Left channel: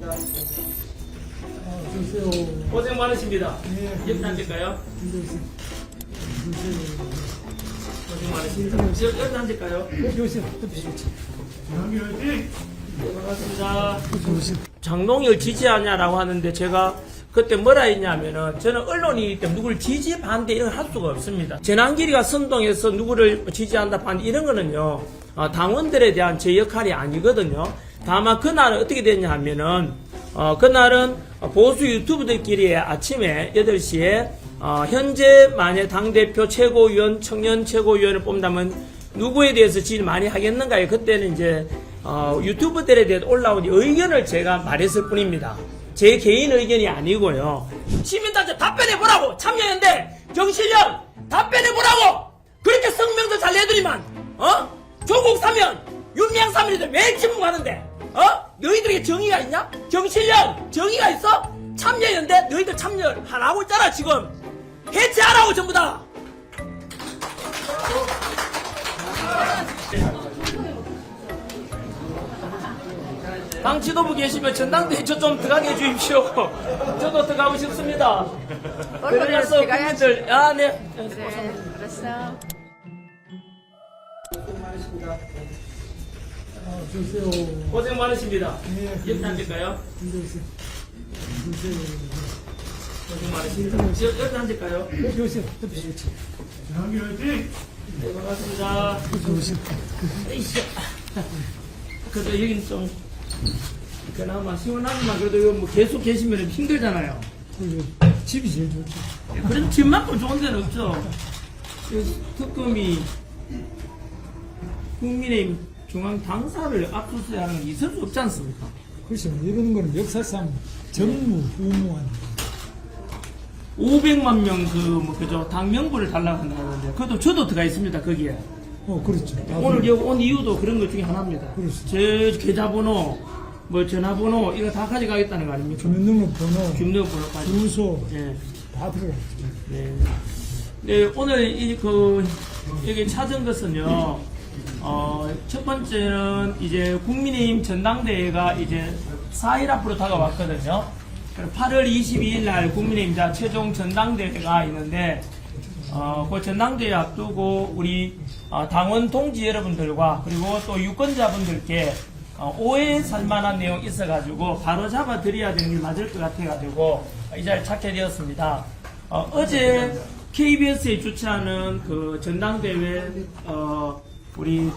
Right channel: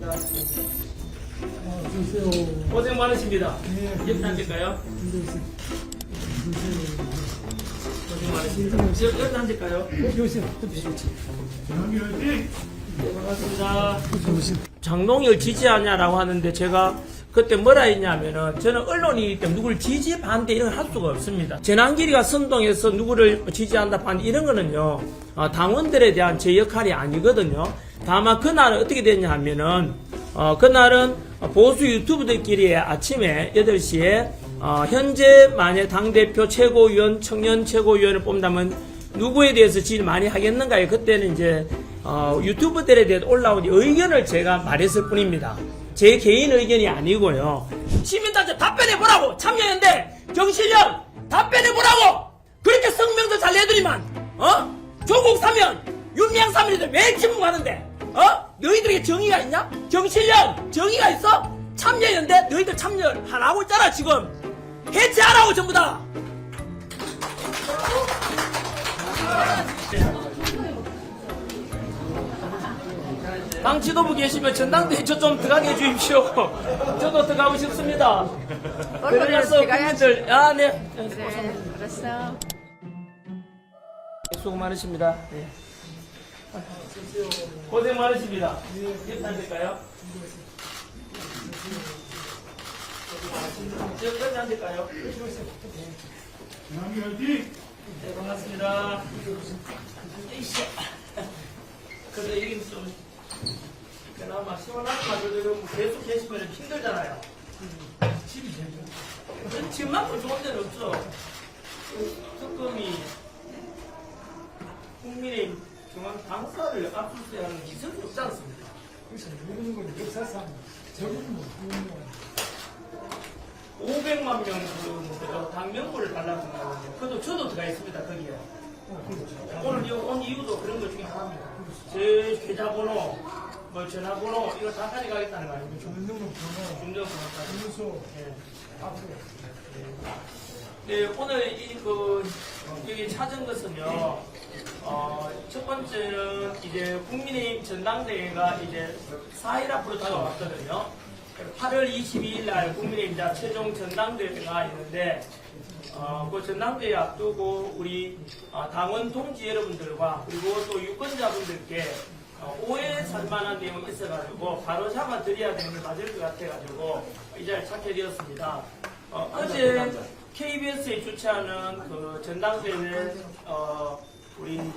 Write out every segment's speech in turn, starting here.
고맙습니다. 아, 주세요. 고생 많으십니다. 네. 옆에 앉을까요? 주세요. 주세요. 고생 많으십니다. 옆에 앉을까요? 여기 오세요. 옆에 오세요. 네, 반갑습니다. 장동혁 지지하냐라고 하는데 제가 그때 뭐라 했냐면은 저는 언론이기 때문에 누구를 지지 반대 이런 걸 할 수가 없습니다. 재난길이가 선동해서 누구를 지지한다 반대 이런 거는요 어, 당원들에 대한 제 역할이 아니거든요. 다만 그날은 어떻게 됐냐 하면은 어, 그날은 보수 유튜브들끼리 아침에 8시에 어, 현재 만약 당대표 최고위원 청년 최고위원을 뽑는다면 누구에 대해서 지지를 많이 하겠는가요? 그때는 이제 어, 유튜브들에 대해 올라온 의견을 제가 말했을 뿐입니다. 제 개인 의견이 아니고요. 시민단체 답변해 보라고 참여연대 정실련 답변해 보라고 그렇게 성명도 잘 내더니만 어 조국 사면 윤미향 사면인데 왜 침묵하는데 어 너희들에게 정의가 있냐 정실련 정의가 있어 참여연대 너희들 참여하라고 있잖아 지금 해체하라고 전부 다. 당 지도부 계시면 전당대회 저 좀 들어가게 해주십시오. 저도 들어가고 싶습니다. 그래서 국민들, 아, 네. 그래, 알았어. 수고 많으십니다. 네. 고생 많으십니다. 네. 옆에 앉을까요? 고생 많으십니다. 옆- 옆에 앉을까요? 네, 반갑습니다. 이씨. 그래도 여기는 좀, 그나마 시원하지만 그래도 이거 뭐 계속 계시면 힘들잖아요. 집이 제일 좋죠. 그래도 집만큼 좋은 데는 없죠. 그 특검이 국민의힘 중앙 당사를 압수수색 하는 게 있을 수 없지 않습니까? 그렇죠. 이런 거는 역사상 전무 후무한 500만 명 그 뭐 그죠 당 명부를 달라고 한다는데 그것도 저도 들어가 있습니다 거기에 어 그렇죠. 오늘 여기 온 이유도 그런 것 중에 하나입니다. 그렇습니다. 제 계좌번호 뭐 전화번호 이거 다 가져가겠다는 거 아닙니까? 주민등록번호, 주민번호까지. 주소 예. 다 들어가. 네. 네, 오늘 이 그 여기 찾은 것은요. 어, 첫 번째는 이제 국민의힘 전당대회가 이제 4일 앞으로 다가왔거든요. 8월 22일 날 국민의힘 자 최종 전당대회가 있는데 어, 그 전당대회 앞두고 우리 어, 당원 동지 여러분들과 그리고 또 유권자분들께 어, 오해 살 만한 내용 있어가지고 바로 잡아 드려야 되는 게 맞을 것 같아가지고 이 자리에 찾게 되었습니다. 어, 어제 KBS에 주최하는 그 전당대회 어, 우리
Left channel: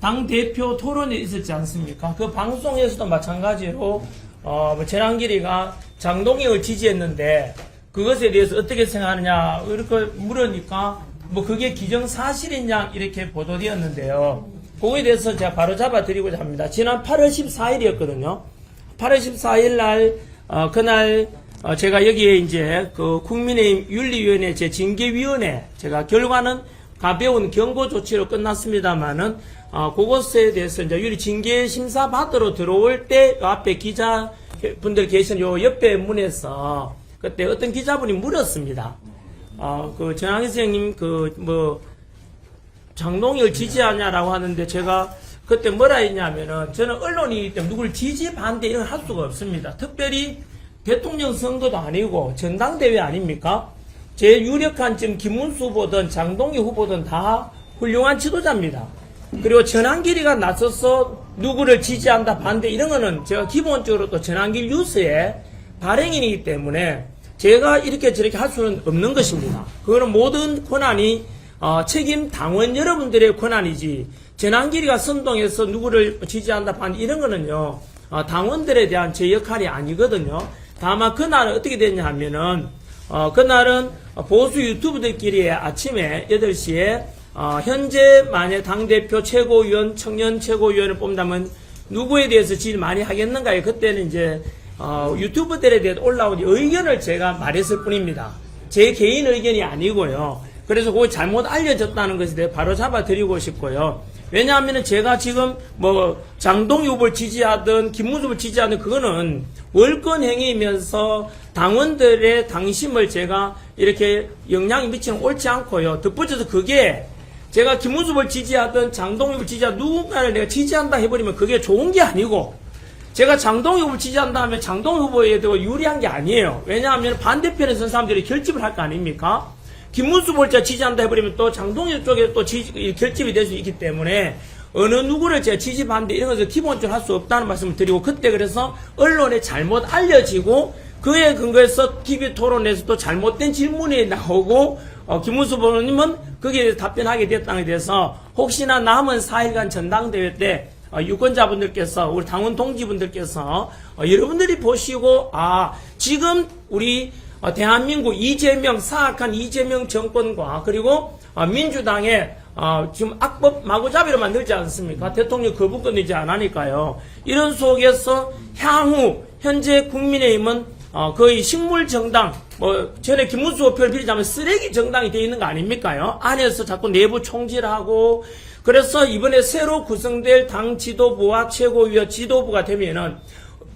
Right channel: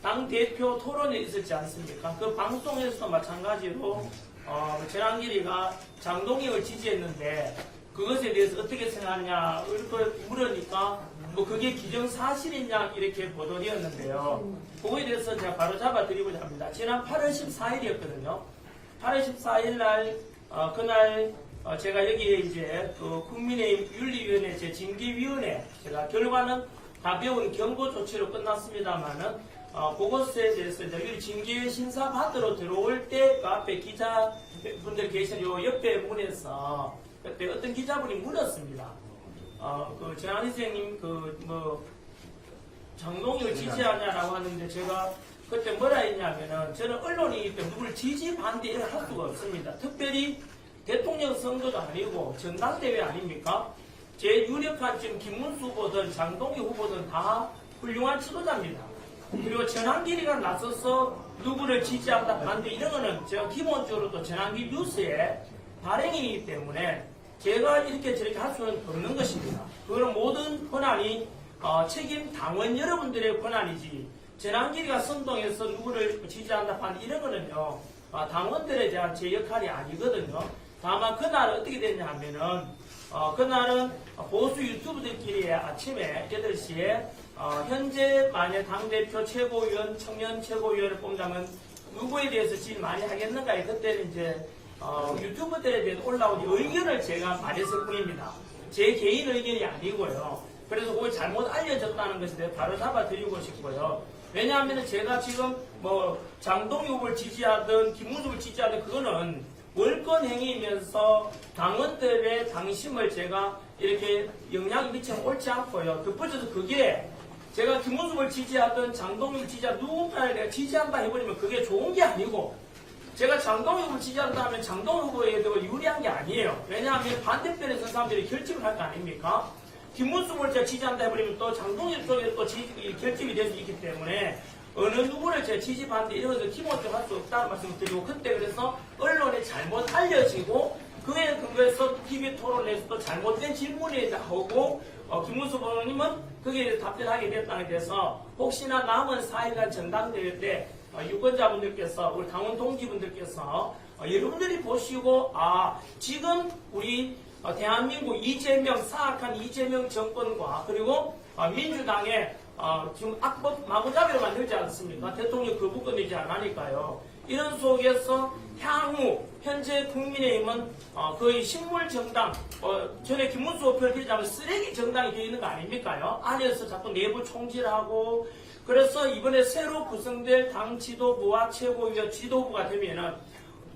당 대표 토론회 있었지 않습니까? 그 방송에서도 마찬가지로 어, 뭐 재난길이가 장동혁을 지지했는데 그것에 대해서 어떻게 생각하느냐 이렇게 물으니까 뭐 그게 기정 사실이냐 이렇게 보도되었는데요. 그거에 대해서 제가 바로 잡아드리고자 합니다. 지난 8월 14일이었거든요. 8월 14일 날 어, 그날 어, 제가 여기에 이제 그 국민의힘 윤리위원회 제 징계위원회 제가 결과는 가벼운 경고 조치로 끝났습니다만은 어, 그것에 대해서 이제 유리 징계 심사 받으러 들어올 때 앞에 기자 분들 계신 요 옆에 문에서 그때 어떤 기자분이 물었습니다. 어, 그 전학희 선생님 그 뭐 장동혁을 지지하냐라고 하는데 제가 그때 뭐라 했냐면은 저는 언론이기 때문에 누구를 지지 반대 이런 걸할 수가 없습니다. 특별히 대통령 선거도 아니고 전당대회 아닙니까? 제일 유력한 지금 김문수 후보든 장동혁 후보든 다 훌륭한 지도자입니다. 그리고 전환길이가 나서서 누구를 지지한다 반대 이런 거는 제가 기본적으로 또 전환길 뉴스의 발행인이기 때문에 제가 이렇게 저렇게 할 수는 없는 것입니다. 그거는 모든 권한이 어, 책임 당원 여러분들의 권한이지 전환길이가 선동해서 누구를 지지한다 반대 이런 거는요 어, 당원들에 대한 제 역할이 아니거든요. 다만 그날은 어떻게 됐냐 하면은 어, 그날은 보수 유튜브들끼리 아침에 8시에 어, 현재 만약 당대표 최고위원, 청년 최고위원을 뽑는다면 누구에 대해서 지지를 많이 하겠는가요? 그때는 이제 어, 유튜브들에 대해 올라온 의견을 제가 말했을 뿐입니다. 제 개인 의견이 아니고요. 그래서 그거 잘못 알려졌다는 것에 대해 바로 잡아드리고 싶고요. 왜냐하면 제가 지금 뭐 장동 후보를 지지하든 김문수 후보를 지지하든 그거는 월권 행위이면서 당원들의 당심을 제가 이렇게 영향이 미치는 건 옳지 않고요. 덧붙여서 그게 제가 김문수 후보를 지지하든 장동 후보를 지지하든 누군가를 내가 지지한다 해버리면 그게 좋은 게 아니고 제가 장동 후보 지지한다 하면 장동 후보에 대해 유리한 게 아니에요. 왜냐하면 반대편에 선 사람들이 결집을 할 거 아닙니까? 김문수 제가 지지한다 해버리면 또 장동혁 쪽에 또 지지- 이 결집이 될 수 있기 때문에 어느 누구를 제가 지지반대 이런 것을 기본적으로 할 수 없다는 말씀을 드리고 그때 그래서 언론에 잘못 알려지고 그에 근거해서 TV 토론에서 또 잘못된 질문이 나오고 어, 김문수 후보님은 거기에 답변하게 됐다는 데 대해서 혹시나 남은 4일간 전당대회 때 어, 유권자분들께서 우리 당원 동지분들께서 어, 여러분들이 보시고 아 지금 우리 어, 대한민국 이재명 사악한 이재명 정권과 그리고 어, 민주당의 어, 지금 악법 마구잡이로 만들지 않습니까? 대통령 거부권 이제 안 하니까요. 이런 속에서 향후 현재 국민의힘은 어, 거의 식물 정당, 뭐 전에 김문수 표를 빌리자면 쓰레기 정당이 되어 있는 거 아닙니까요? 안에서 자꾸 내부 총질하고 그래서 이번에 새로 구성될 당 지도부와 최고위원 지도부가 되면은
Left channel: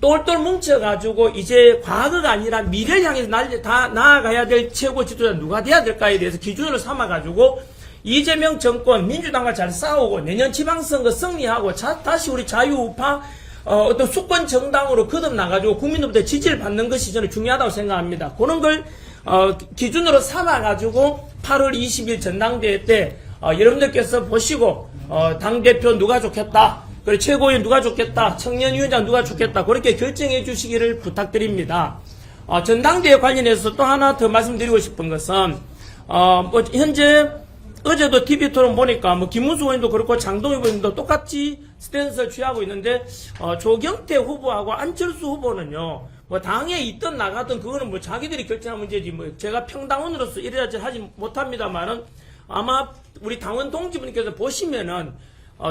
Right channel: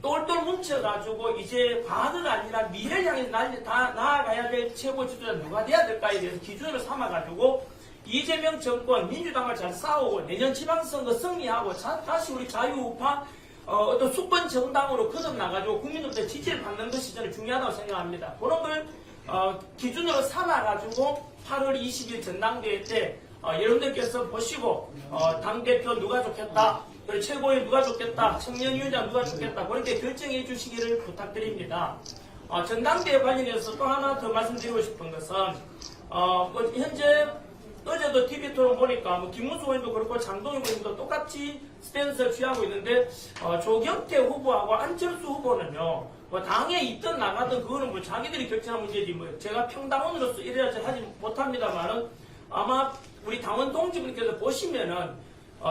똘똘 뭉쳐가지고 이제 과거가 아니라 미래를 향해서 날, 다 나아가야 될 최고 지도자 누가 돼야 될까에 대해서 기준으로 삼아가지고 이재명 정권 민주당과 잘 싸우고 내년 지방선거 승리하고 자- 다시 우리 자유우파 어, 어떤 수권 정당으로 거듭나가지고 국민들부터 지지를 받는 것이 저는 중요하다고 생각합니다. 그런 걸 어, 기준으로 삼아가지고 8월 20일 전당대회 때 어, 여러분들께서 보시고 어, 당대표 누가 좋겠다 그리고 최고위원 누가 좋겠다 청년위원장 누가 좋겠다 그렇게 결정해 주시기를 부탁드립니다. 어, 전당대회 관련해서 또 하나 더 말씀드리고 싶은 것은 어, 뭐 현재 어제도 TV 토론 보니까 뭐 김문수 의원도 그렇고 장동희 의원도 똑같이 스탠스를 취하고 있는데 어, 조경태 후보하고 안철수 후보는요 뭐 당에 있든 나가든 그거는 뭐 자기들이 결정한 문제지 뭐 제가 평당원으로서 이래야지 하지 못합니다만은 아마 우리 당원 동지분께서 보시면은 어,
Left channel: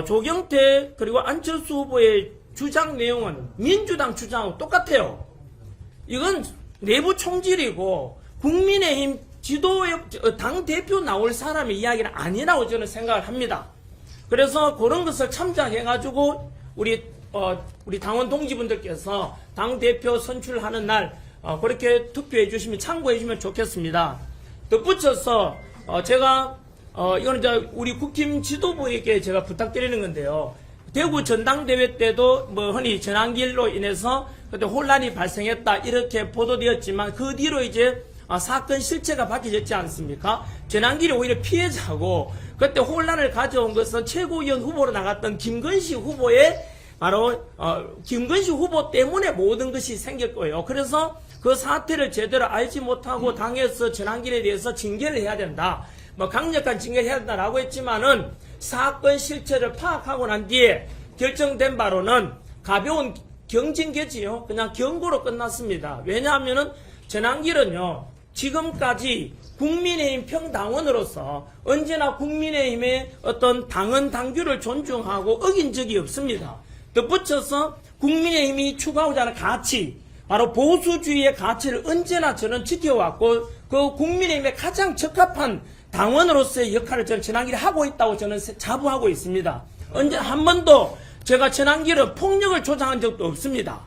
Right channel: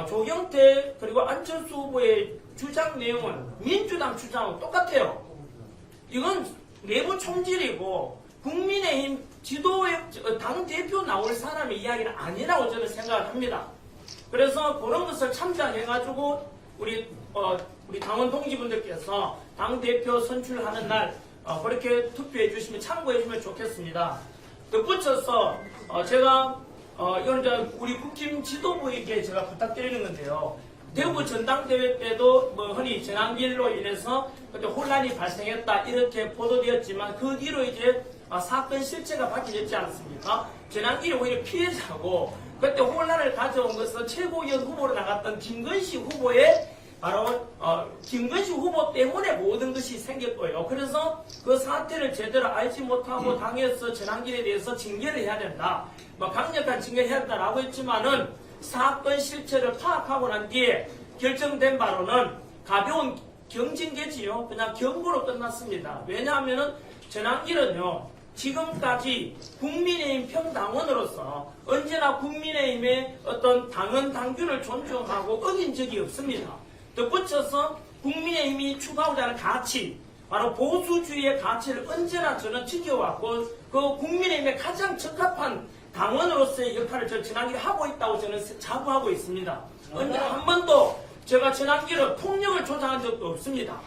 조경태 그리고 안철수 후보의 주장 내용은 민주당 주장하고 똑같아요. 이건 내부 총질이고 국민의힘 지도의 어, 당 대표 나올 사람의 이야기는 아니라고 저는 생각을 합니다. 그래서 그런 것을 참작해가지고 우리 어, 우리 당원 동지분들께서 당 대표 선출하는 날 어, 그렇게 투표해 주시면 참고해 주시면 좋겠습니다. 덧붙여서 어, 제가 어, 이거는 이제 우리 국힘 지도부에게 제가 부탁드리는 건데요. 대구 전당대회 때도 뭐 흔히 전환길로 인해서 그때 혼란이 발생했다 이렇게 보도되었지만 그 뒤로 이제 아, 사건 실체가 밝혀졌지 않습니까? 전환길이 오히려 피해자고 그때 혼란을 가져온 것은 최고위원 후보로 나갔던 김건희 후보의 바로 어, 김건희 후보 때문에 모든 것이 생겼고요. 그래서 그 사태를 제대로 알지 못하고 당에서 전환길에 대해서 징계를 해야 된다. 뭐 강력한 징계를 해야 된다라고 했지만은 사건 실체를 파악하고 난 뒤에 결정된 바로는 가벼운 경징계지요. 그냥 경고로 끝났습니다. 왜냐하면은 전환길은요. 지금까지 국민의힘 평당원으로서 언제나 국민의힘의 어떤 당헌 당규를 존중하고 어긴 적이 없습니다. 덧붙여서 국민의힘이 추구하고자 하는 가치, 바로 보수주의의 가치를 언제나 저는 지켜왔고 그 국민의힘에 가장 적합한 당원으로서의 역할을 저는 전환길이 하고 있다고 저는 자부하고 있습니다. 언제 한 번도 제가 전환길은 폭력을 조장한 적도 없습니다.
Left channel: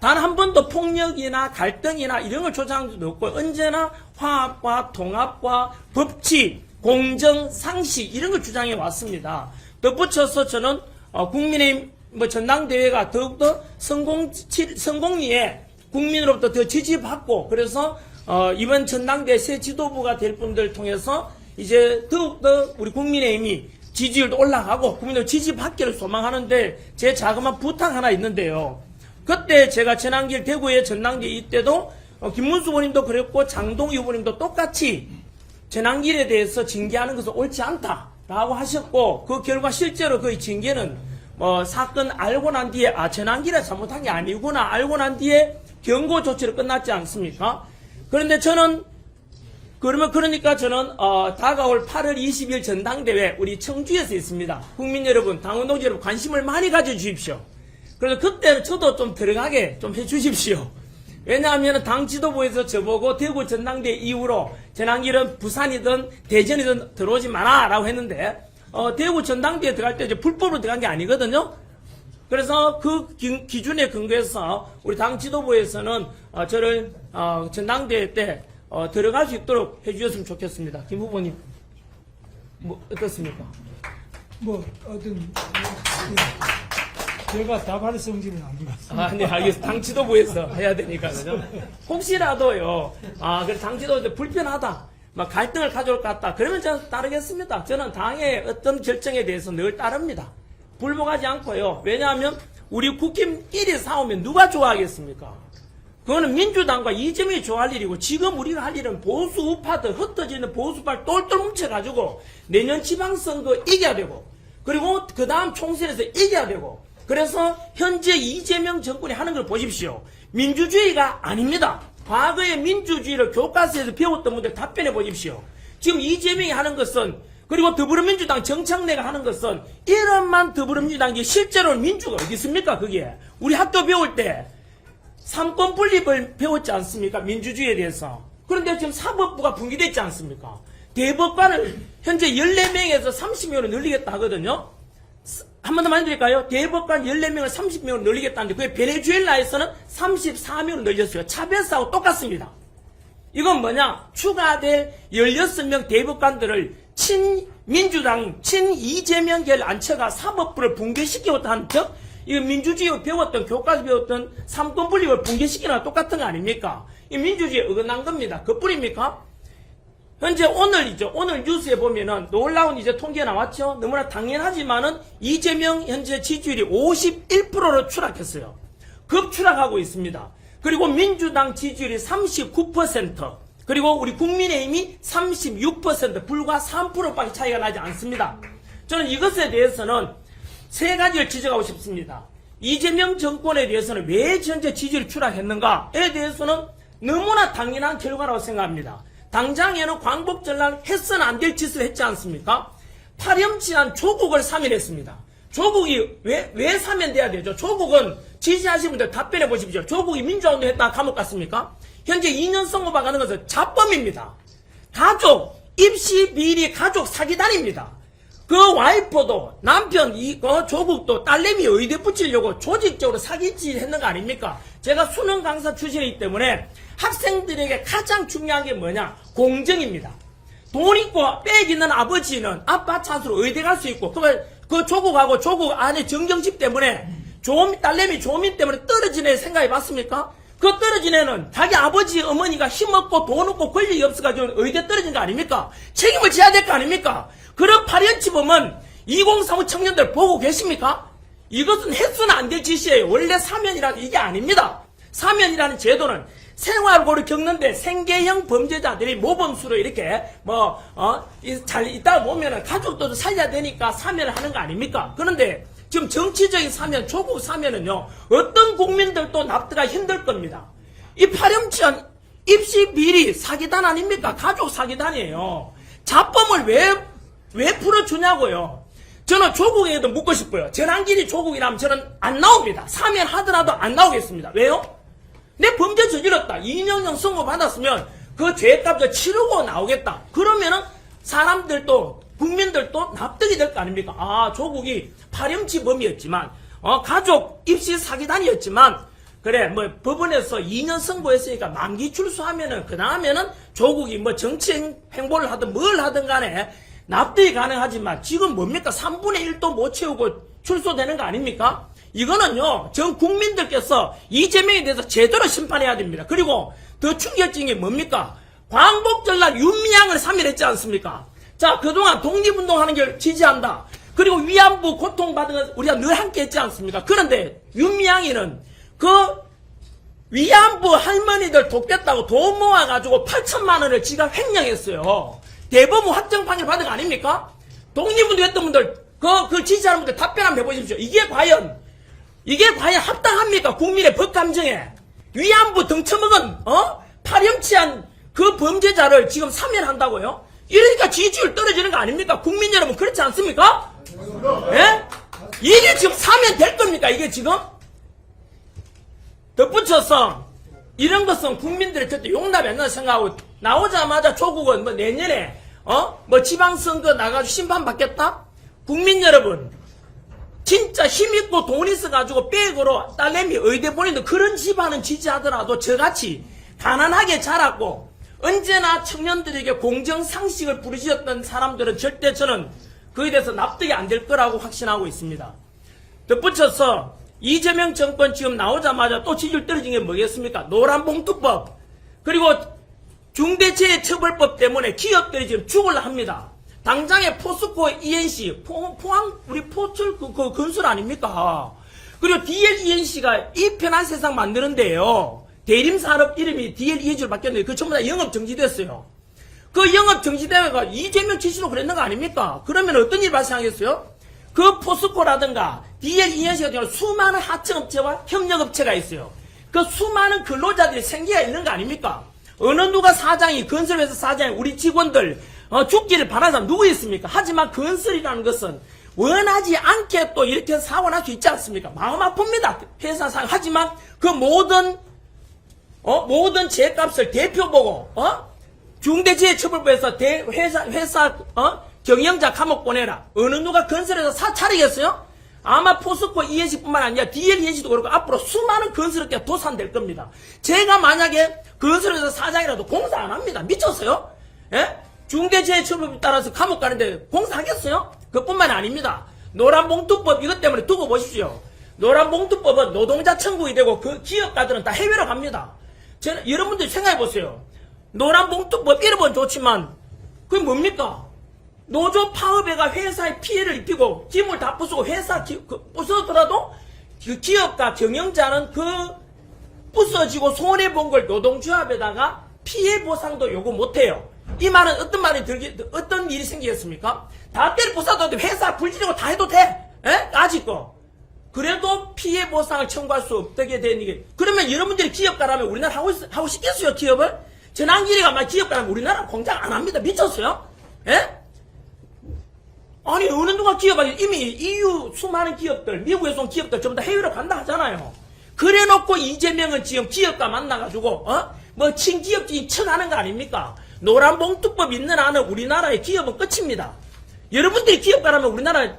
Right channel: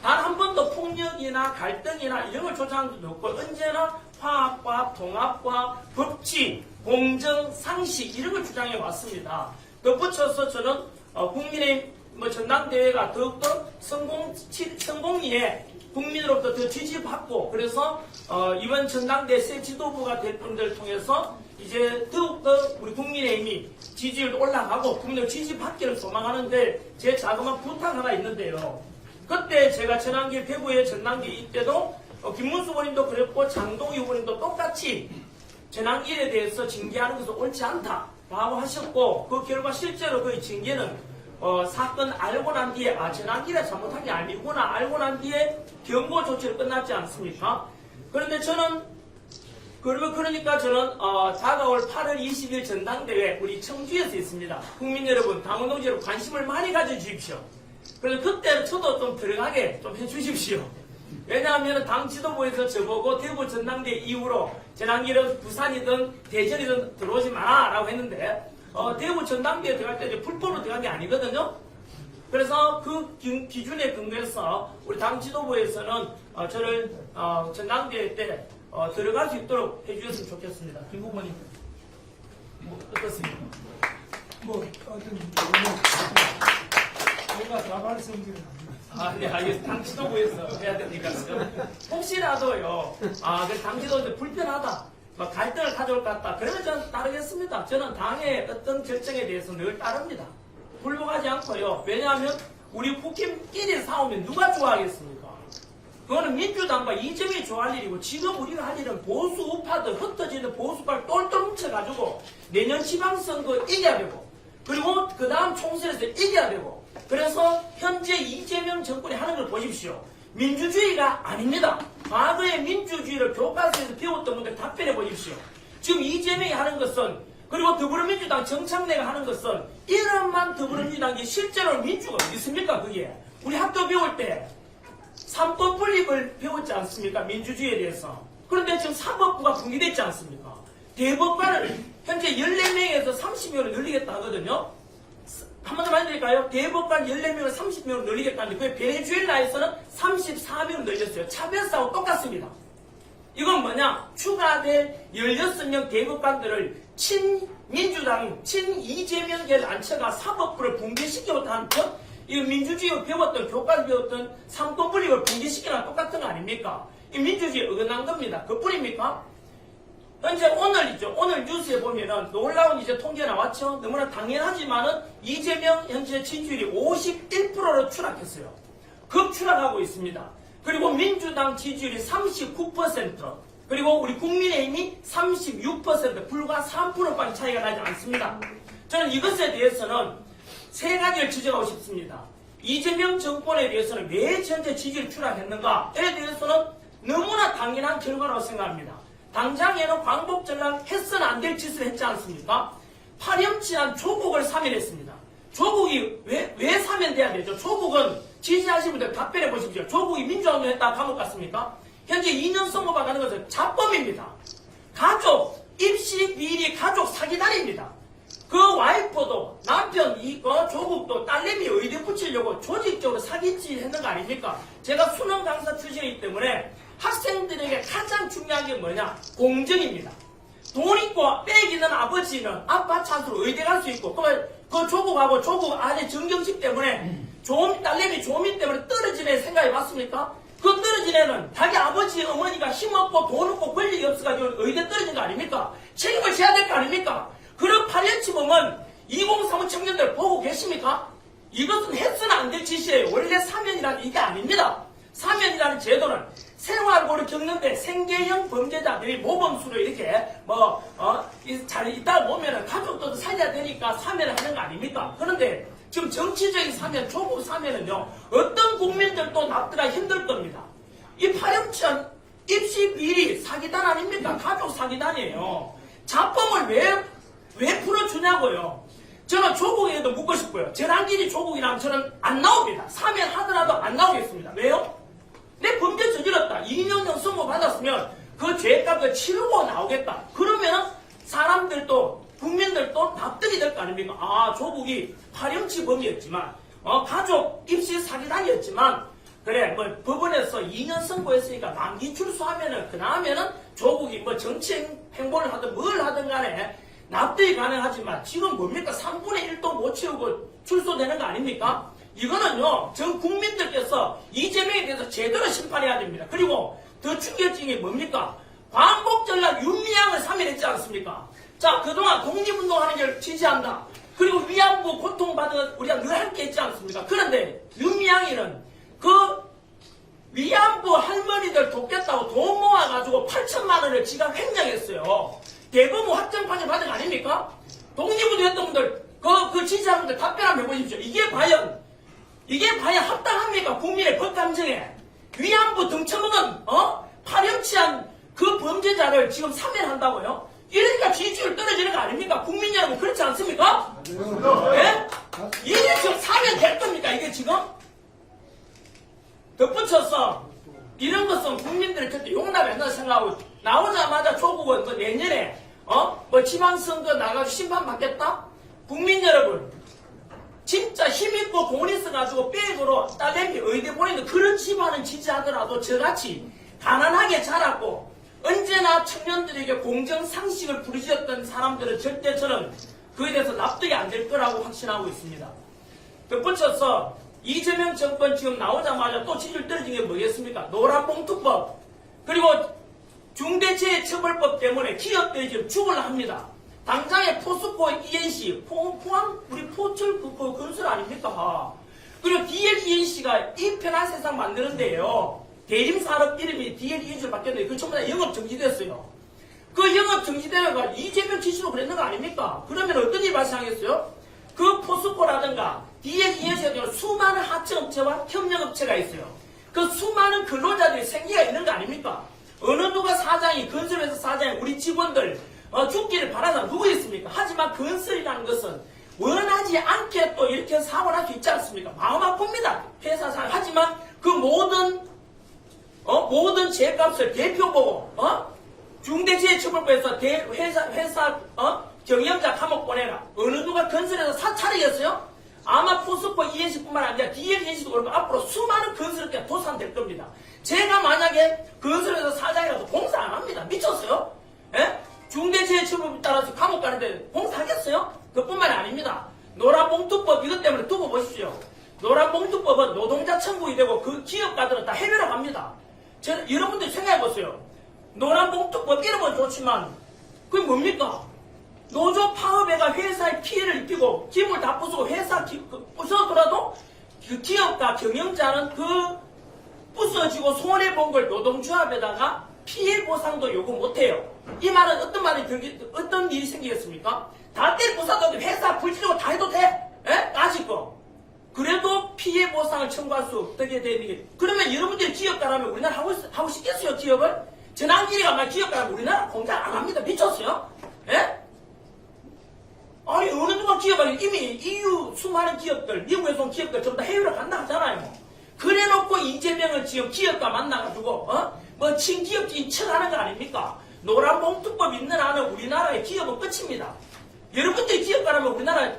단 한 번도 폭력이나 갈등이나 이런 걸 조장한 적도 없고 언제나 화합과 통합과 법치, 공정, 상식 이런 걸 주장해 왔습니다. 덧붙여서 저는 어, 국민의힘 뭐 전당대회가 더욱더 성공 성공리에 국민으로부터 더 지지받고 그래서 어, 이번 전당대 새 지도부가 될 분들 통해서 이제 더욱더 우리 국민의힘이 지지율도 올라가고 국민들 지지 받기를 소망하는데 제 자그마한 부탁 하나 있는데요. 그때 제가 전환길 대구의 전당대 이때도 어, 김문수 의원님도 그랬고 장동희 의원님도 똑같이 전환길에 대해서 징계하는 것은 옳지 않다라고 하셨고 그 결과 실제로 그 징계는 어, 사건 알고 난 뒤에 아 전환길에 잘못한 게 아니구나 알고 난 뒤에 경고 조치로 끝났지 않습니까? 그런데 저는 그러면 그러니까 저는 어, 다가올 8월 20일 전당대회 우리 청주에서 있습니다. 국민 여러분, 당원 동지 여러분 관심을 많이 가져주십시오. 그래서 그때는 저도 좀 들어가게 좀 해주십시오. 왜냐하면 당 지도부에서 저보고 대구 전당대 이후로 전환길은 부산이든 대전이든 들어오지 마라 라고 했는데 어, 대구 전당대에 들어갈 때 이제 불법으로 들어간 게 아니거든요. 그래서 그 기- 기준에 근거해서 우리 당 지도부에서는 어, 저를 어, 전당대회 때 어, 들어갈 수 있도록 해주셨으면 좋겠습니다. 김 후보님 뭐 어떻습니까? 뭐 어떤 제가 다발 성질은 아니고 아, 네, 알겠습니다. 당 지도부에서 해야 되니까. 혹시라도요, 아, 그당 지도부 불편하다. 막 갈등을 가져올 것 같다. 그러면 저는 따르겠습니다. 저는 당의 어떤 결정에 대해서 늘 따릅니다. 불복하지 않고요. 왜냐하면 우리 국힘끼리 싸우면 누가 좋아하겠습니까? 그거는 민주당과 이재명이 좋아할 일이고 지금 우리가 할 일은 보수 우파들 흩어지는 보수파를 똘똘 뭉쳐가지고 내년 지방선거 이겨야 되고 그리고 그 다음 총선에서 이겨야 되고 그래서 현재 이재명 정권이 하는 걸 보십시오. 민주주의가 아닙니다. 과거의 민주주의를 교과서에서 배웠던 분들 답변해 보십시오. 지금 이재명이 하는 것은 그리고 더불어민주당 정창래가 하는 것은 이런만 더불어민주당이 실제로 민주가 어디 있습니까? 그게 우리 학교 배울 때 삼권 분립을 배웠지 않습니까? 민주주의에 대해서. 그런데 지금 사법부가 분리됐지 않습니까? 대법관을 현재 14명에서 30명으로 늘리겠다 하거든요. 한 번 더 말씀드릴까요? 대법관 14명을 30명으로 늘리겠다는데 그게 베네수엘라에서는 34명으로 늘렸어요. 차별사하고 똑같습니다. 이건 뭐냐? 추가될 16명 대법관들을 친민주당, 친이재명계를 앉혀가 사법부를 붕괴시키겠다 하는 척? 이거 민주주의 배웠던, 교과서 배웠던 삼권 분립을 붕괴시키는 똑같은 거 아닙니까? 이 민주주의에 어긋난 겁니다. 그뿐입니까? 현재 오늘이죠. 오늘 뉴스에 보면은 놀라운 이제 통계 나왔죠. 너무나 당연하지만은 이재명 현재 지지율이 51%로 추락했어요. 급추락하고 있습니다. 그리고 민주당 지지율이 39%, 그리고 우리 국민의힘이 36% 불과 3%밖에 차이가 나지 않습니다. 저는 이것에 대해서는 세 가지를 지적하고 싶습니다. 이재명 정권에 대해서는 왜 현재 지지율 추락했는가에 대해서는 너무나 당연한 결과라고 생각합니다. 당장에는 광복 전략 해서는 안 될 짓을 했지 않습니까? 파렴치한 조국을 사면했습니다. 조국이 왜, 왜 사면돼야 되죠? 조국은 지지하신 분들 답변해 보십시오. 조국이 민주화운동 했다 감옥 갔습니까? 현재 2년 선고받 가는 것은 자범입니다. 가족, 입시 비리 가족 사기단입니다. 그 와이프도 남편 이 어, 조국도 딸내미 의대 붙이려고 조직적으로 사기질 했는 거 아닙니까? 제가 수능 강사 출신이기 때문에 학생들에게 가장 중요한 게 뭐냐? 공정입니다. 돈 있고 빽 있는 아버지는 아빠 찬스로 의대 갈 수 있고 그러면 그 조국하고 조국 안에 정경심 때문에 조미, 딸내미 조민 때문에 떨어진 애 생각해 봤습니까? 그 떨어진 애는 자기 아버지 어머니가 힘없고 돈 없고 권력이 없어가지고 의대 떨어진 거 아닙니까? 책임을 져야 될 거 아닙니까? 그런 파렴치 보면 2035 청년들 보고 계십니까? 이것은 해서는 안 될 짓이에요. 원래 사면이라는 이게 아닙니다. 사면이라는 제도는 생활고를 겪는데 생계형 범죄자들이 모범수로 이렇게 뭐, 어, 있다 보면은 가족도 살려야 되니까 사면을 하는 거 아닙니까? 그런데 지금 정치적인 사면, 조국 사면은요, 어떤 국민들도 납득하기 힘들 겁니다. 이 파렴치한 입시 비리 사기단 아닙니까? 가족 사기단이에요. 자범을 왜, 왜 풀어주냐고요. 저는 조국에도 묻고 싶어요. 전환길이 조국이라면 저는 안 나옵니다. 사면 하더라도 안 나오겠습니다. 왜요? 내 범죄 저질렀다. 2년형 선고 받았으면 그 죄값을 치르고 나오겠다. 그러면은 사람들도 국민들도 납득이 될 거 아닙니까? 아 조국이 파렴치범이었지만 어, 가족 입시 사기단이었지만 그래 뭐 법원에서 2년 선고했으니까 만기 출소하면은 그 다음에는 조국이 뭐 정치 행보를 하든 뭘 하든 간에 납득이 가능하지만 지금 뭡니까 3분의 1도 못 채우고 출소되는 거 아닙니까? 이거는요 전 국민들께서 이재명에 대해서 제대로 심판해야 됩니다. 그리고 더 충격적인 게 뭡니까? 광복절날 윤미향을 사면했지 않습니까? 자 그동안 독립운동하는 걸 지지한다. 그리고 위안부 고통받은 걸 우리가 늘 함께 했지 않습니까? 그런데 윤미향이는 그 위안부 할머니들 돕겠다고 돈 모아가지고 8천만 원을 지가 횡령했어요. 대법원 확정 판결 받은 거 아닙니까? 독립운동 했던 분들, 그, 그 지지하는 분들 답변 한번 해보십시오. 이게 과연, 이게 과연 합당합니까? 국민의 법 감정에. 위안부 등쳐먹은, 어? 파렴치한 그 범죄자를 지금 사면한다고요? 이러니까 지지율 떨어지는 거 아닙니까? 국민 여러분, 그렇지 않습니까? 예? 이게 지금 사면 될 겁니까? 이게 지금? 덧붙여서 이런 것은 국민들이 절대 용납 안 한다 생각하고 나오자마자 조국은 뭐 내년에 어? 뭐 지방선거 나가지고 심판 받겠다? 국민 여러분 진짜 힘있고 돈 있어가지고 백으로 딸내미 의대 보내는 그런 집안은 지지하더라도 저같이 가난하게 자랐고 언제나 청년들에게 공정상식을 부르짖었던 사람들은 절대 저는 그에 대해서 납득이 안 될 거라고 확신하고 있습니다. 덧붙여서 이재명 정권 지금 나오자마자 또 지지율 떨어진 게 뭐겠습니까? 노란봉투법 그리고 중대재해처벌법 때문에 기업들이 지금 죽을라 합니다. 당장에 포스코 ENC 포, 포항 우리 포철 그, 그 건설 아닙니까? 그리고 DL ENC가 이 편한 세상 만드는데요. 대림 산업 이름이 DL ENC로 바뀌었는데 그 전부 다 영업 정지됐어요. 그 영업 정지대회가 이재명 지시로 그랬는 거 아닙니까? 그러면 어떤 일이 발생하겠어요? 그 포스코라든가 ENC 같은 경우 수많은 하청업체와 협력업체가 있어요. 그 수많은 근로자들이 생계가 있는 거 아닙니까? 어느 누가 사장이 건설회사 사장이 우리 직원들 어, 죽기를 바라는 사람 누구 있습니까? 하지만 건설이라는 것은 원하지 않게 또 이렇게 사고 날 수 있지 않습니까? 마음 아픕니다. 회사 상 하지만 그 모든 어? 모든 제값을 대표 보고, 어? 중대재해처벌법에서 대, 회사, 회사, 어? 경영자 감옥 보내라. 어느 누가 건설에서 사 차리겠어요? 아마 포스코 ENC뿐만 아니라 DL ENC도 그렇고 앞으로 수많은 건설업계가 도산될 겁니다. 제가 만약에 건설에서 사장이라도 공사 안 합니다. 미쳤어요? 예? 중대재해처벌에 따라서 감옥 가는데 공사하겠어요? 그뿐만 아닙니다. 노란봉투법 이것 때문에 두고 보십시오. 노란봉투법은 노동자 천국이 되고 그 기업가들은 다 해외로 갑니다. 저, 여러분들 생각해 보세요. 노란봉투법 이름은 좋지만 그게 뭡니까? 노조 파업회가 회사에 피해를 입히고 짐을 다 부수고 회사 기, 그, 부서더라도 그 기업가 경영자는 그 부서지고 손해본 걸 노동조합에다가 피해 보상도 요구 못해요. 이 말은 어떤 말이 들기, 어떤 일이 생기겠습니까? 다 때려 부사도 회사 불지르고 다 해도 돼. 에? 아직도. 그래도 피해 보상을 청구할 수 없게 되는 게. 그러면 여러분들이 기업가라면 우리나라 하고, 있- 하고 싶겠어요, 기업을? 전환기리가 막 기업가라면 우리나라 공장 안 합니다. 미쳤어요? 예? 아니 어느 누가 기업가 이미 EU 수많은 기업들 미국에서 온 기업들 전부 다 해외로 간다 하잖아요. 그래놓고 이재명은 지금 기업가 만나가지고 어 뭐 친기업주의 청하는 거 아닙니까? 노란봉투법 있는 한은 우리나라의 기업은 끝입니다. 여러분들이 기업가라면 우리나라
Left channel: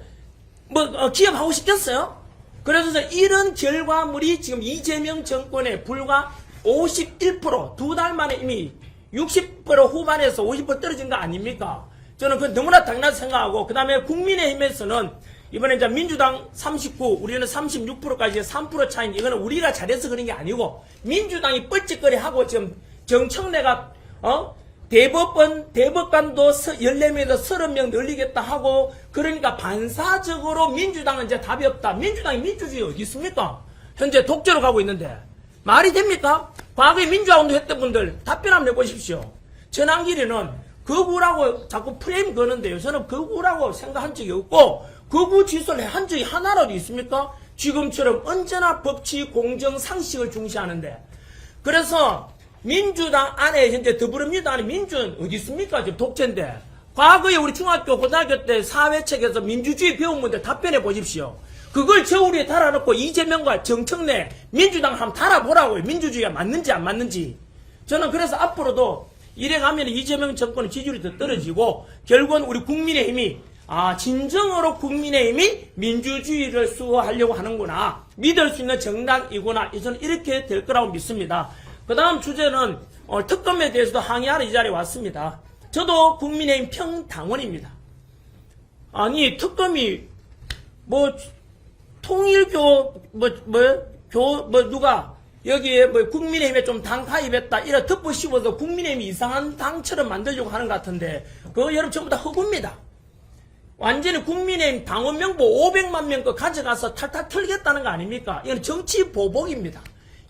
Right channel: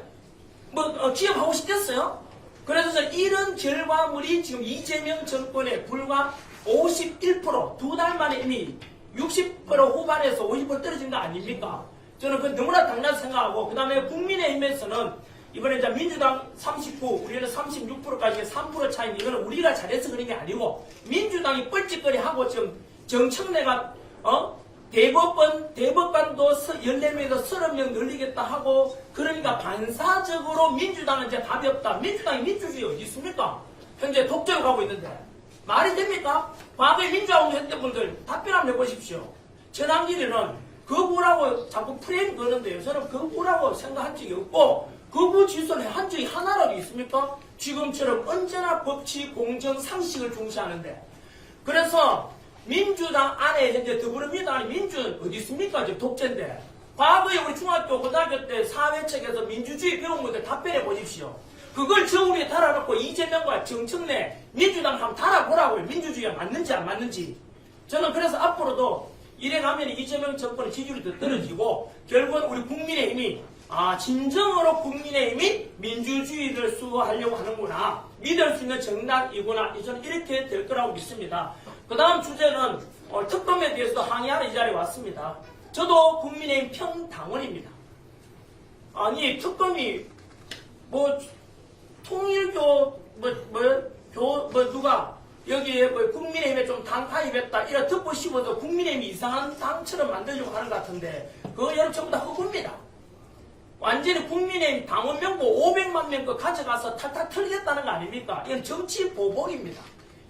뭐 어, 기업하고 싶겠어요? 그래서 이런 결과물이 지금 이재명 정권에 불과 51%두 달 만에 이미 60% 후반에서 50% 떨어진 거 아닙니까? 저는 그 너무나 당연하게 생각하고 그 다음에 국민의힘에서는 이번에 이제 민주당 39, 우리는 36%까지 3% 차이 이거는 우리가 잘해서 그런 게 아니고 민주당이 뻘짓거리 하고 지금 정청래가 어 대법원 대법관도 14명에서 30명 늘리겠다 하고 그러니까 반사적으로 민주당은 이제 답이 없다. 민주당이 민주주의 어디 있습니까? 현재 독재로 가고 있는데 말이 됩니까? 과거에 민주화 운동 했던 분들 답변 한번 내보십시오. 전환길이는 거부라고 자꾸 프레임 거는데요. 저는 거부라고 생각한 적이 없고 거부 지수를 한 적이 하나라도 있습니까? 지금처럼 언제나 법치, 공정, 상식을 중시하는데 그래서 민주당 안에 이제 더불어민주당 안에 민주는 어디 있습니까? 지금 독재인데 과거에 우리 중학교, 고등학교 때 사회책에서 민주주의 배운 분들 답변해 보십시오. 그걸 저 위에 달아놓고 이재명과 정청래 민주당 한번 달아보라고요. 민주주의가 맞는지 안 맞는지. 저는 그래서 앞으로도 이래 가면 이재명 정권의 지지율이 더 떨어지고 결국은 우리 국민의힘이 아 진정으로 국민의힘이 민주주의를 수호하려고 하는구나 믿을 수 있는 정당이구나 저는 이렇게 될 거라고 믿습니다. 그 다음 주제는 어, 특검에 대해서도 항의하러 이 자리에 왔습니다. 저도 국민의힘 평당원입니다. 아니 특검이 뭐 통일교 뭐뭐교뭐 누가 여기에 뭐 국민의힘에 좀 당파 입했다 이런 덮고 씌워서 국민의힘이 이상한 당처럼 만들려고 하는 것 같은데 그거 여러분 전부 다 허구입니다. 완전히 국민의힘 당원 명부 500만 명거 가져가서 탈탈 털겠다는 거 아닙니까? 이건 정치 보복입니다.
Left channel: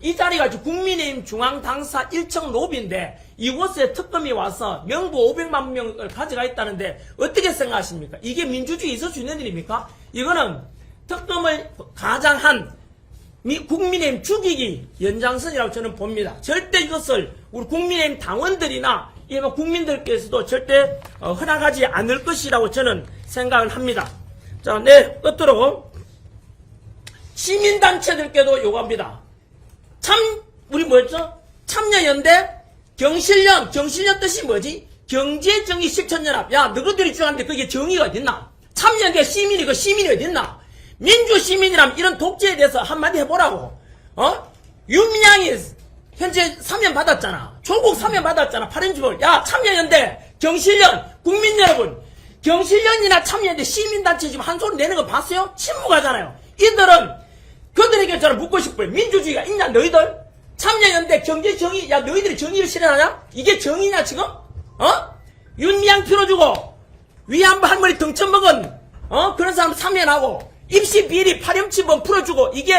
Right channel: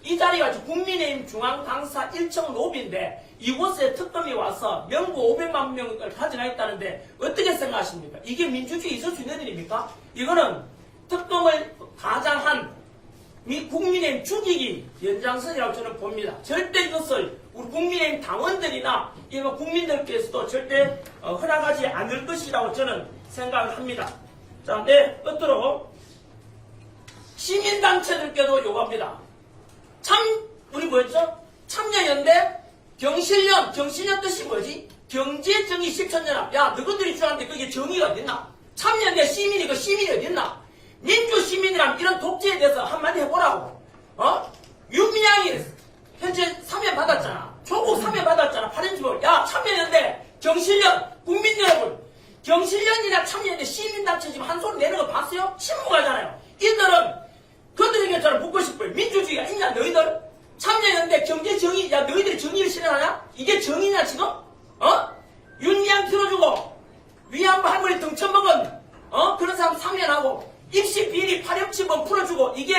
이 자리가 국민의힘 중앙당사 1층 로비인데 이곳에 특검이 와서 명부 500만 명을 가져가 있다는데 어떻게 생각하십니까? 이게 민주주의 있을 수 있는 일입니까? 이거는 특검을 가장한 미 국민의힘 죽이기 연장선이라고 저는 봅니다. 절대 이것을 우리 국민의힘 당원들이나 국민들께서도 절대 어, 허락하지 않을 것이라고 저는 생각을 합니다. 자, 네 끝으로 시민단체들께도 요구합니다. 참 우리 뭐였죠? 참여연대 경실련 경실련 뜻이 뭐지? 경제정의 실천연합 야 너희들이 주는데 그게 정의가 어딨나? 참여연대 시민이 그 시민이 어딨나? 민주시민이라면 이런 독재에 대해서 한마디 해보라고 어? 윤미향이 현재 사면 받았잖아 조국 사면 받았잖아 8인주벌 야 참여연대 경실련 국민 여러분 경실련이나 참여연대 시민단체 지금 한 소리 내는 거 봤어요? 침묵하잖아요 이들은 그들에게 저는 묻고 싶어요. 민주주의가 있냐 너희들? 참여연대 경제 정의 야 너희들이 정의를 실현하냐? 이게 정의냐 지금? 어? 윤미향 풀어주고 위안부 할머니 등쳐 먹은 어 그런 사람 참여하고 입시 비리 파렴치범 풀어주고 이게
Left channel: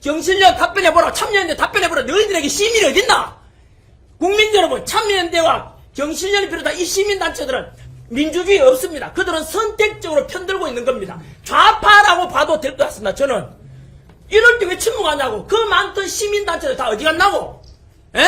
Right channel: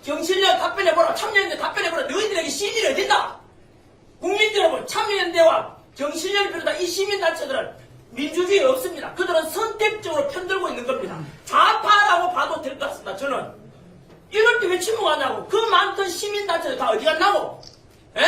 정신력 답변해보라 참여연대 답변해보라 너희들에게 시민이 어딨나? 국민 여러분 참여연대와 정신력이 비롯한 이 시민단체들은 민주주의 없습니다. 그들은 선택적으로 편들고 있는 겁니다. 좌파라고 봐도 될 것 같습니다. 저는 이럴 때 왜 침묵하냐고 그 많던 시민단체들 다 어디 갔나고 에?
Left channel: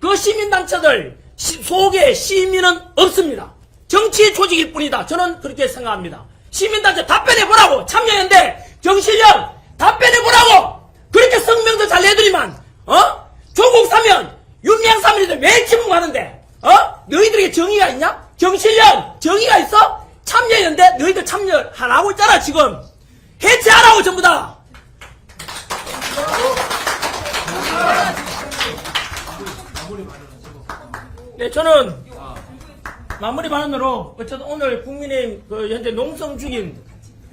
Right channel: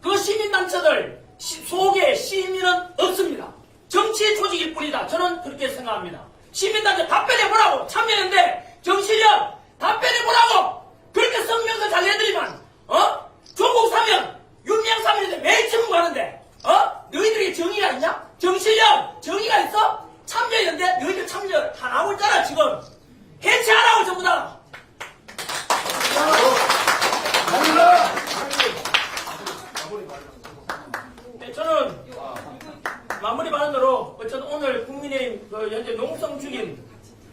그 시민단체들 시- 속에 시민은 없습니다. 정치의 조직일 뿐이다. 저는 그렇게 생각합니다. 시민단체 답변해보라고 참여연대 정신력 답변해보라고 그렇게 성명도 잘 내드리만 어? 조국 사면 윤미향 사면인데 왜 침묵하는데 어? 너희들에게 정의가 있냐? 정신력 정의가 있어? 참여연대 너희들 참여 안 하고 있잖아 지금 해체하라고 전부 다 네, 저는 마무리 발언으로 어쨌든 오늘 국민의힘 그 현재 농성 중인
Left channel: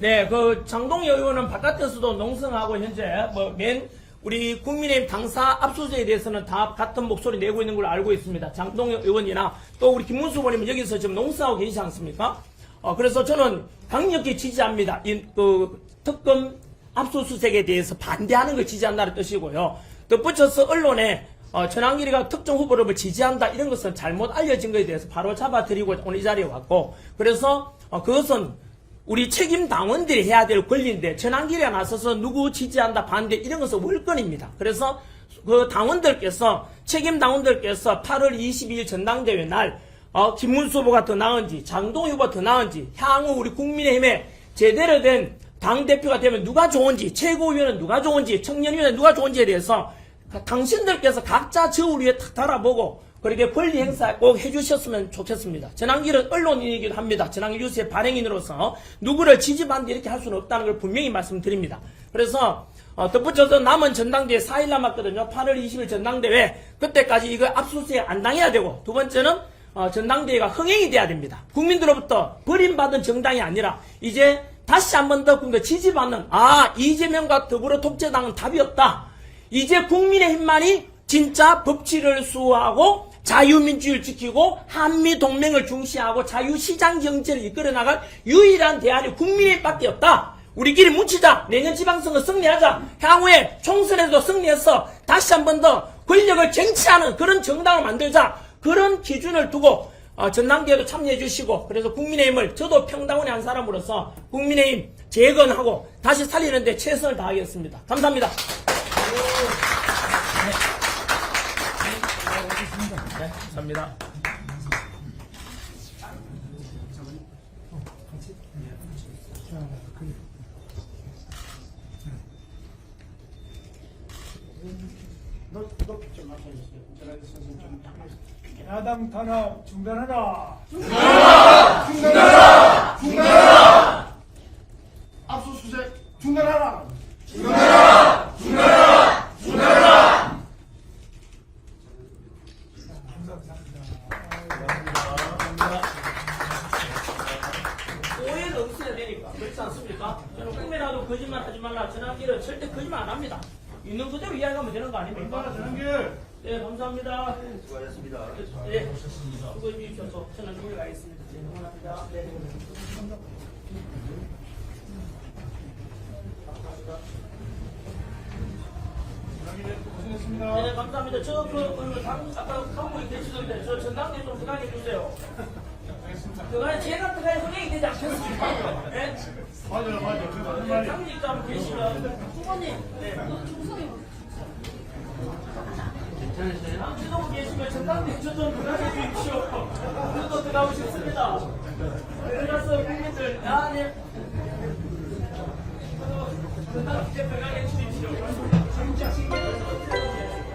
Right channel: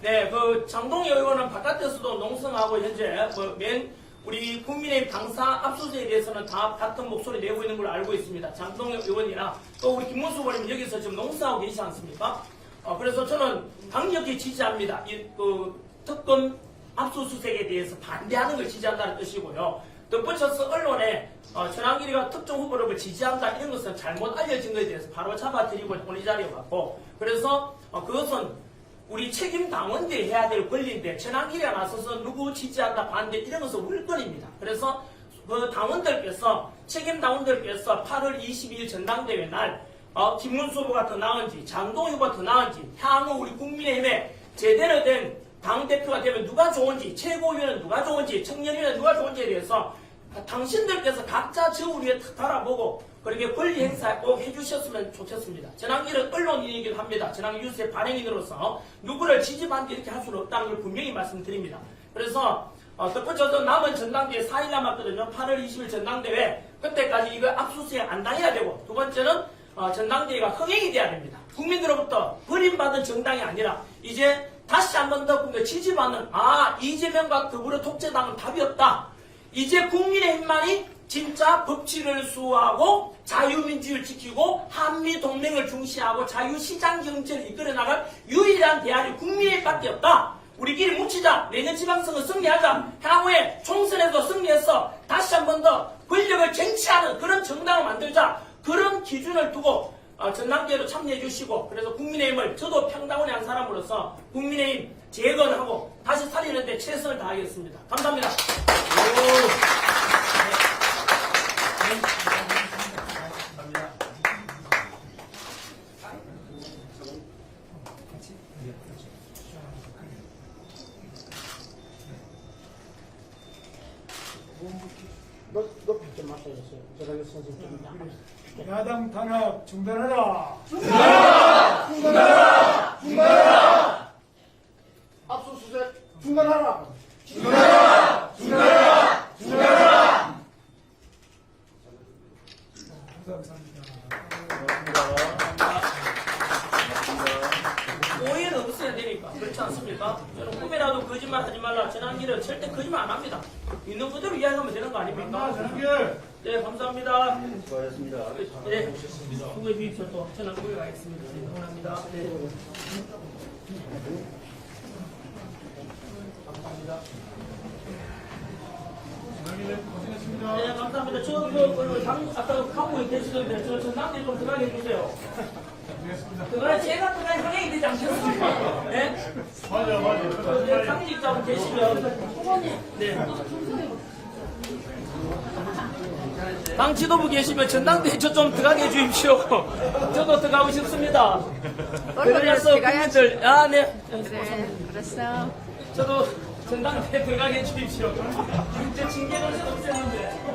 네, 그 장동희 의원은 바깥에서도 농성하고 현재 뭐맨 우리 국민의힘 당사 압수수색에 대해서는 다 같은 목소리 내고 있는 걸로 알고 있습니다. 장동희 의원이나 또 우리 김문수 의원님 여기서 지금 농성하고 계시지 않습니까? 어, 그래서 저는 강력히 지지합니다. 이, 그, 특검 압수수색에 대해서 반대하는 걸 지지한다는 뜻이고요. 덧붙여서 언론에 어, 전환길이가 특정 후보를 지지한다 이런 것은 잘못 알려진 것에 대해서 바로 잡아드리고 오늘 이 자리에 왔고 그래서 어, 그것은 우리 책임 당원들이 해야 될 권리인데 전환길이가 나서서 누구 지지한다 반대 이런 것은 월권입니다. 그래서 그 당원들께서 책임 당원들께서 8월 22일 전당대회 날 어, 김문수 후보가 더 나은지 장동 후보가 더 나은지 향후 우리 국민의힘에 제대로 된 당대표가 되면 누가 좋은지 최고위원은 누가 좋은지 청년위원은 누가 좋은지에 대해서 당신들께서 각자 저울 위에 탁 달아보고 그렇게 권리 행사 꼭 해주셨으면 좋겠습니다. 전환길은 언론인이기도 합니다. 전환길 뉴스의 발행인으로서 누구를 지지받는데 이렇게 할 수는 없다는 걸 분명히 말씀드립니다. 그래서 어, 덧붙여서 남은 전당대회 4일 남았거든요. 8월 20일 전당대회 그때까지 이거 압수수색 안 당해야 되고 두 번째는 어, 전당대회가 흥행이 돼야 됩니다. 국민들로부터 버림받은 정당이 아니라 이제 다시 한 번 더 지지받는 아 이재명과 더불어 독재당은 답이 없다. 이제 국민의 힘만이 진짜 법치를 수호하고 자유민주를 지키고 한미 동맹을 중시하고 자유시장 경제를 이끌어 나갈 유일한 대안이 국민의힘밖에 없다. 우리끼리 뭉치자. 내년 지방선거 승리하자. 향후에 총선에도 승리해서 다시 한 번 더 권력을 쟁취하는 그런 정당을 만들자. 그런 기준을 두고 어, 전당대회도 참여해 주시고 그래서 국민의힘을 저도 평당원의 한 사람으로서 국민의힘 재건하고 다시 살리는데 최선을 다하겠습니다. 감사합니다. 감사합니다. 너 이거 좀 마셔주세요. 제가 선생님 좀 약간. 야당 탄압 중단하라. 압수수색 네. 감사합니다. 네 감사합니다. 저 그 그, 당 아까 갖고 계시던데 저 전당대 좀 들어가게 해주세요. 그거는 제가 그간 흥행이 되지 않겠습니까? 네? 맞아요, 맞아요. 상직자분 계시면 후보님, 네. 당 지도부 계시면 전당대회 저좀 들어가게 해주십시오. 저도 들어가고 싶습니다. 그래서 국민들, 아, 네. 그래, 그랬어. 저도 전당대회 들어가게 해주십시오. 진짜 징계도 없었는데.